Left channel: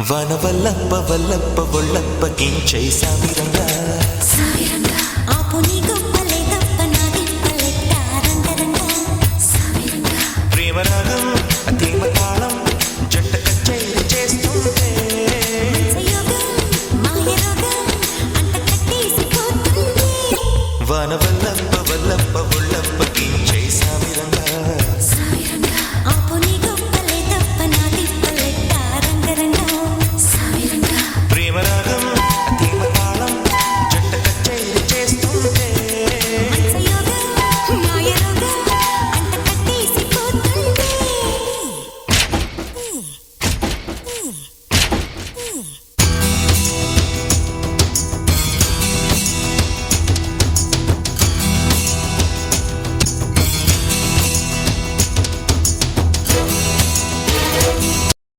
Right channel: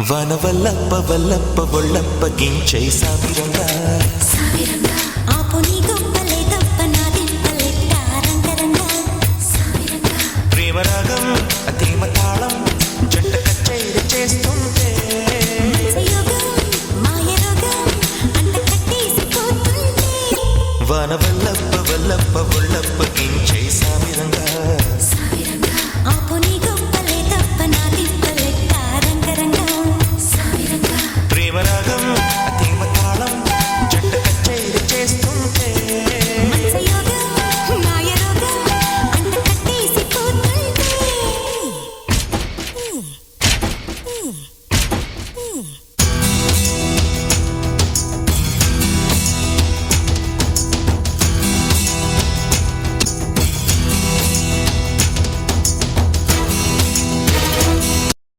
వనవల్లప్ప వల్లప్ప ఒళ్ళప్ప గించై సామిరంగా ఆపు నీ గొప్పలే తప్ప నా తిప్పలెట్ట రంగరంగా ప్రేమరాగం అతీమ తాళం జంట కచేరి చేస్తుంటే యోగం మాయ రోగం అంట కట్టేసిపోతుంటే వనవల్లప్ప వల్లప్ప ఒళ్ళప్ప గించై సామిరంగా ఆపు నీ గొప్పలే తప్ప నా తిప్పలెట్ట రంగరంగా ప్రేమరాగం అతీమ తాళం జంట కచేరి చేస్తుంటే యోగం మాయ రోగం అంట కట్టేసిపోతుంటే